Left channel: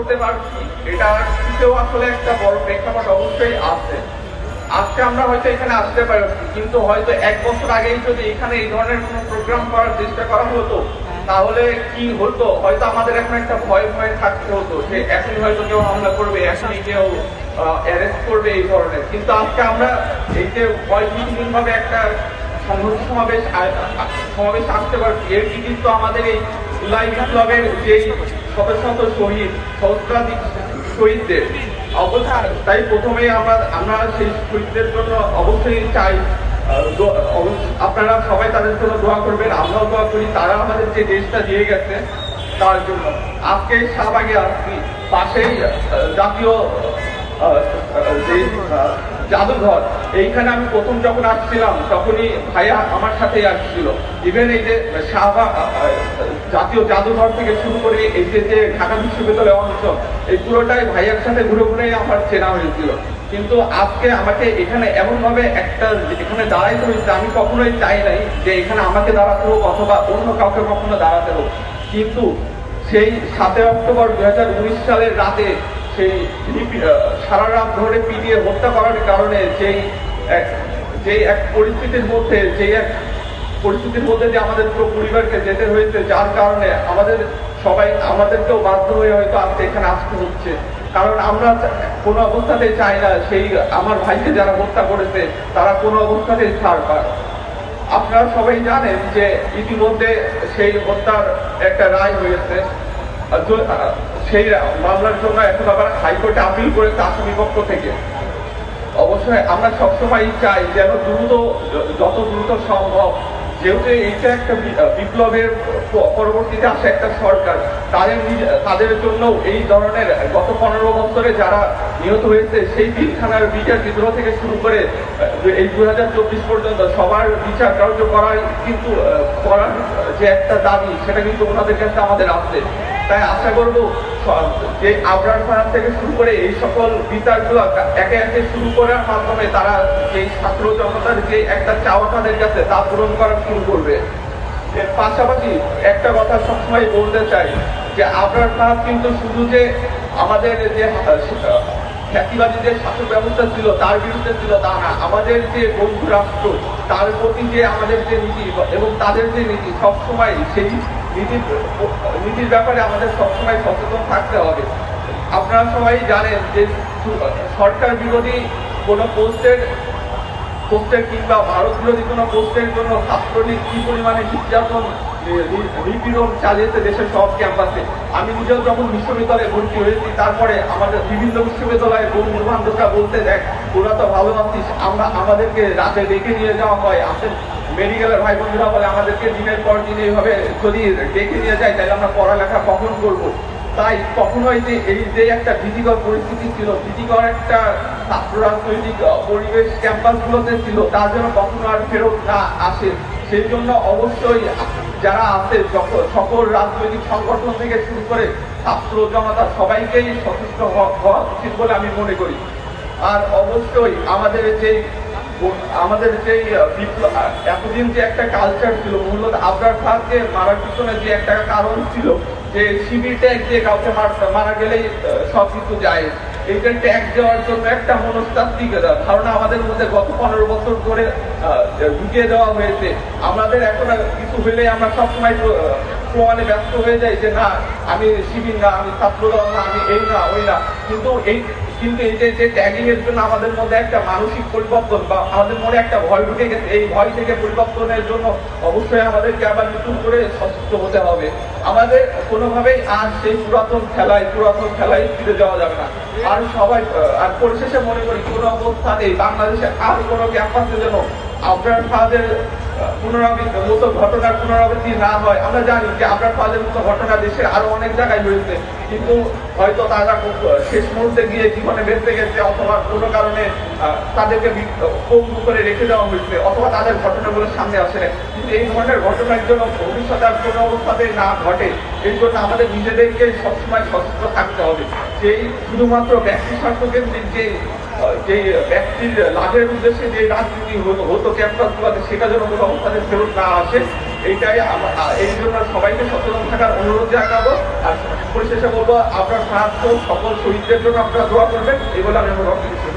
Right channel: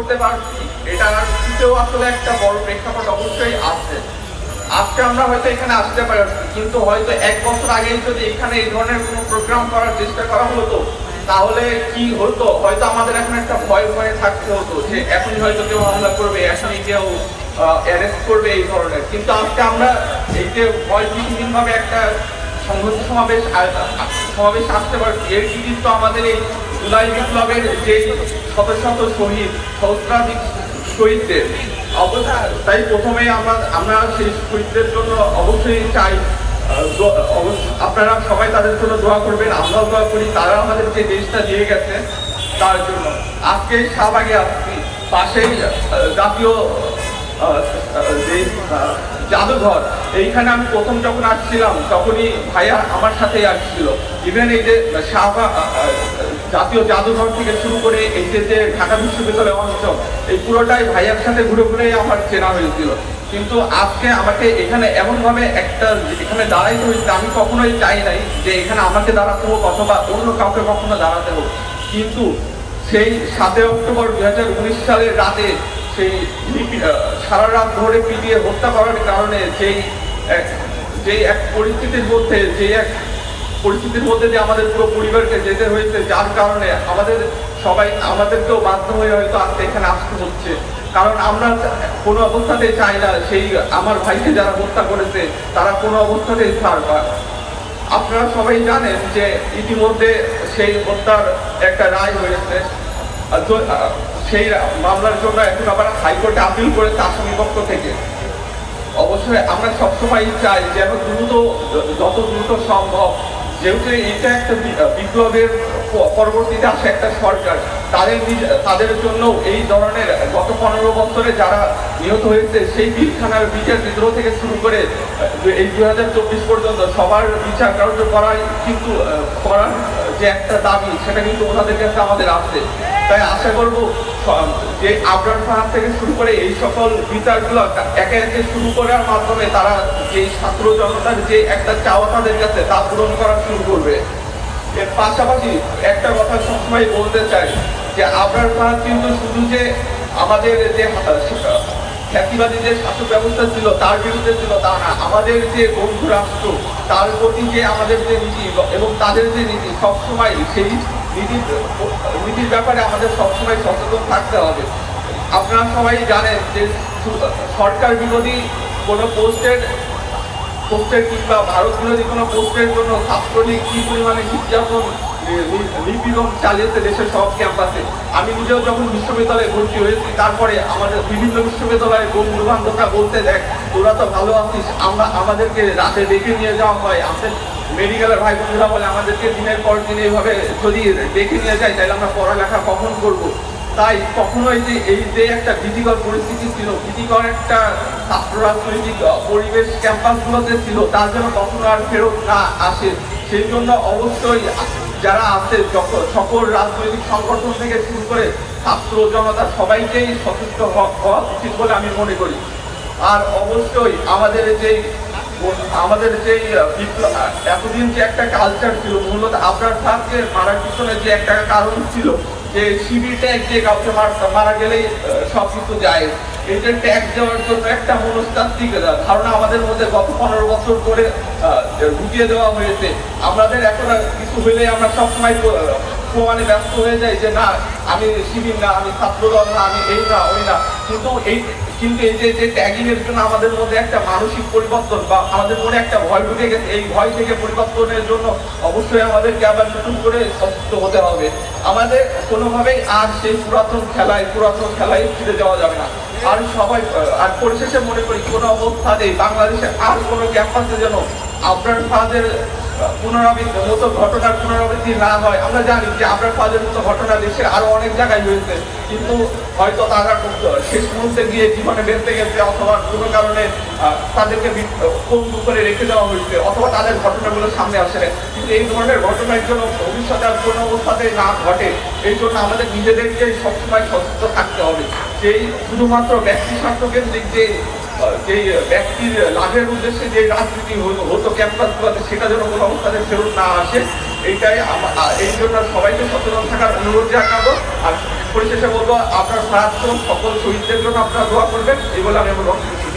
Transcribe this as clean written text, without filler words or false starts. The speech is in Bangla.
করতে পারছি, এটা পিছনেও আসলে একটা বড় প্রেক্ষাপট অবশ্যই আছে। আজকে আমরা হয়তো এখানে আসতে পারছি, কিন্তু হয়তো 1 বছর আগেই যদি এখানে এই ধরনের কোনো প্রোগ্রাম করার চেষ্টা করা হতো, তাহলে কি হতো, হয়তো আমাদের এখন একটা ভয় ভয় থাকতে হতো যে এখনই হয়তো কেউ হামলা করবে, এখনই কেউ অ্যারেস্ট করবে এই ধরনের। কিন্তু আজকে আমরা এই যে ভয়ভীতিহীন ভাবে একটা সংহতি সমাবেশ আসতে পারছি, এর কৃতিত্ব আমাদের এই জুলাই বিপ্লবের যে শত শত শহীদ, সহস্রাধিক শহীদদের। তাই প্রথমেই আমরা সেই শহীদদের জন্য অবশ্যই চাই আপনারা সবাই তাদের জন্য দোয়া করবেন, আমরাও দোয়া করি। তারা আমাদের যে দেশটা দিয়ে গেছে তার জন্য। আজকে শাহবাগে আসছি, পাশেই জাতীয় জাদুঘর, এইখানে আমি প্রথম যখন আসছিলাম তখনই ভাইয়া আমার সাথেই আসছিল। ইভেন এই যে জাতীয় জাদুঘর থেকে শুরু করে এই যে ঢাকা বিশ্ববিদ্যালয় অঞ্চল, এই পুরোটাই ভাইয়ার সাথে ঘুরে ঘুরেই আমার চেনা হয়েছিল। কিন্তু আজকে আমাকে এখানে এমনভাবে এখানে দাঁড়াইতে হয়েছে, আমি কখনোই চাই নাই যে এখানে আমাকে দাঁড়াতে হোক অথবা অন্য কাউকে কখনো দাঁড়াতে হোক। কিন্তু সেই 7 অক্টোবর 2019 সালের রাতে সেই সারা রাত ধরে পিটিয়ে হত্যা করার কারণে যেই এক পরিস্থিতির মধ্যে যে আমাদের পুরো পরিবারকে যেতে হয়েছে, যার কারণে আমাদেরকেও বাধ্য হয়ে হয়তো আজকে এখানে আসতে হচ্ছে। কারণ আমরা কোনো অবস্থাতেই চাই না সেই আমার ভাইকে যারা হত্যা করেছে তারা কোনো অবস্থাতেই ছাড় পায়। আপনারা সবাই জানেন যে ইতিমধ্যে সেই হত্যার একটা রায় হয়েছে। সেই মামলার জন্য এখন আবার হাইকোর্টে আপিল করেছে আসামি পক্ষ থেকে। অবশ্যই আমরা সবসময় চাই যেন যত দ্রুত সম্ভব, যেহেতু এটা একটা বিপ্লবের পরবর্তীতে আসে একটা সরকার, তাদের জন্য এই ধরনের গত 15 বছরে যারা নিহত হয়েছে সেই পিলখানার বিচার বিদ্রোহ থেকে শুরু করে এই 2024 পর্যন্ত সবার বিচার কার্য করার যে একটা দাবি, সেটা কিন্তু ওনাদের কাছে আমাদের আছে। তাই আশা করব যে আবরার ফাহাদ থেকে শুরু করে এই সকল বিচারগুলো একে একে শুরু করার মাধ্যমে তারা এই ছাত্র জনতার যে একটা চাওয়া তাদের কাছে তা পূরণ করা শুরু করবে। এর পাশাপাশি একটা কথা সবসময় বলতে চাই যে আবরার ফাহাদ কিন্তু শুধু যে আমাদের যে খ্যাতিবাদী যে শাসক ব্যবস্থা ছিল তার বিরুদ্ধে ছিল তা না, আমাদের যে বন্ধু রাষ্ট্র তার প্রতি যে আমাদের যে নীতি এবং তাদের যে নীতি, সবসময় সেই নীতির ব্যাপারে আমাদের সবসময় সচেতন থাকতে হবে। আপনারা সবাই জানেন যে সরকার বিরোধী কোনো পোস্টের কিংবা ভারত বিরোধী কোনো পোস্টের জন্য ছাত্রলীগ কি পরিমাণে নিপীড়ন চালিয়েছে দেশের সব ক্যাম্পাসে। আমি নিজেও যখন বিশ্ববিদ্যালয়ে ভর্তি হয়েছি, তারপরে আমাদের বিভিন্ন বিশ্ববিদ্যালয়ের বন্ধু বান্ধবরা বলতে দেখ তোরা তো ভালো আছিস, আমাদেরকে রাতে ডেকে নিয়ে যাওয়া হয়, আমাদের মেডিকেলের ভাই বোনেরা বলে আমাদেরকে দিনের পর দিন এইভাবে যদি ডেকে নিয়ে যায় তাহলে আমরা পড়ালেখা কখন করবো। তাই কখনোই যে এই যে একটা ভীতিকর পরিস্থিতি ছিল, ভীতিকর একটা ছাত্র রাজনৈতিক পরিবেশ ক্যাম্পাসগুলোতে ছিল, তার জন্য কখনো আর ফেরত না আসে। সেই জন্য অবশ্যই যারা আছে সকল রাজনৈতিক সংগঠন থেকে শুরু করে ছাত্র জনতা সবাইকেই সচেতন হওয়া উচিত বলে আমি মনে করি। আর অবশ্যই আমাদের যে এতদিন যে একটা কালচার ছিল, মূলত আবরার ফাহাদকে মারার পিছনে যে একটা কারণ ছিল যে শিবির ট্যাগ দিয়ে কাউকে মারা গেলেই সবকিছু যায়, এই যে ট্যাগ দেওয়ার জন্য একটা মনস্তাত্ত্বিক ধারণা আমাদের মধ্যে গত 15 বছর ধরে ঢুকিয়ে দেওয়া হয়েছে। আমাদের এখন কিছু হলে আমরা সবসময় প্রমাণে ব্যস্ত হয়ে যাই যে না আমি শিবির না, আমি ছাত্রদল না, আমি এই না ওই না। কিন্তু এই যে ট্যাগিং এর জন্য আমাদের মধ্যে একটা মানসিক পরিবর্তন বা আমাদের মনে একটা ভয় ঢুকে গেছে, এই ভয় থেকে পরিবর্তনের জন্য অবশ্যই আমাদেরকে আবার নতুন করে সচেতন হতে হবে। আমাদের কোনোভাবেই আর সেই পুরাতন খেলায় ফিরে যাওয়া যাবে না। আর পরিশেষে মনে করি কোনো অবস্থাতেই বাংলাদেশে আর কোনো ক্যাম্পাসে যেন আবরার ফাহাদের ঘটনার পুনরাবৃত্তি না হয়। আমরা জানি যে আবরার ফাহাদের মতো ঘটনা দেশে আরো অনেক জায়গায় হয়েছে, কিন্তু হয়তো তারা শেষ মুহূর্তে গিয়ে জীবনে বেঁচে গেছে, অথবা কোনো কারণে তাদেরকে পঙ্গু করে রেখে দেওয়া হয়েছে, অথবা তাদের ঘটনাগুলো সামনে আসে। কিন্তু এই ধরনের ঘটনার জন্য ভবিষ্যতে আর কোনো অবস্থাতে না ঘটে, এই জন্য আমাদের নিজেদেরকে সবসময় সচেতন থাকতে হবে। সেই শুধুমাত্র ব্যক্তি স্বার্থকেন্দ্রিক যে ব্যক্তির লাভের উদ্দেশ্যে যে রাজনীতি হতো ক্যাম্পাসগুলোতে, সেটা যেন কোনো অবস্থাতে ফেরত না আসে, এই জন্য সবাইকে সচেতন থাকার অনুরোধ জানাবো। আর পরিশেষে বলবো আপনার প্রাক্তন সকল শহীদদের জন্য আপনারা দোয়া করবেন এই বলে আমি আমার বক্তব্য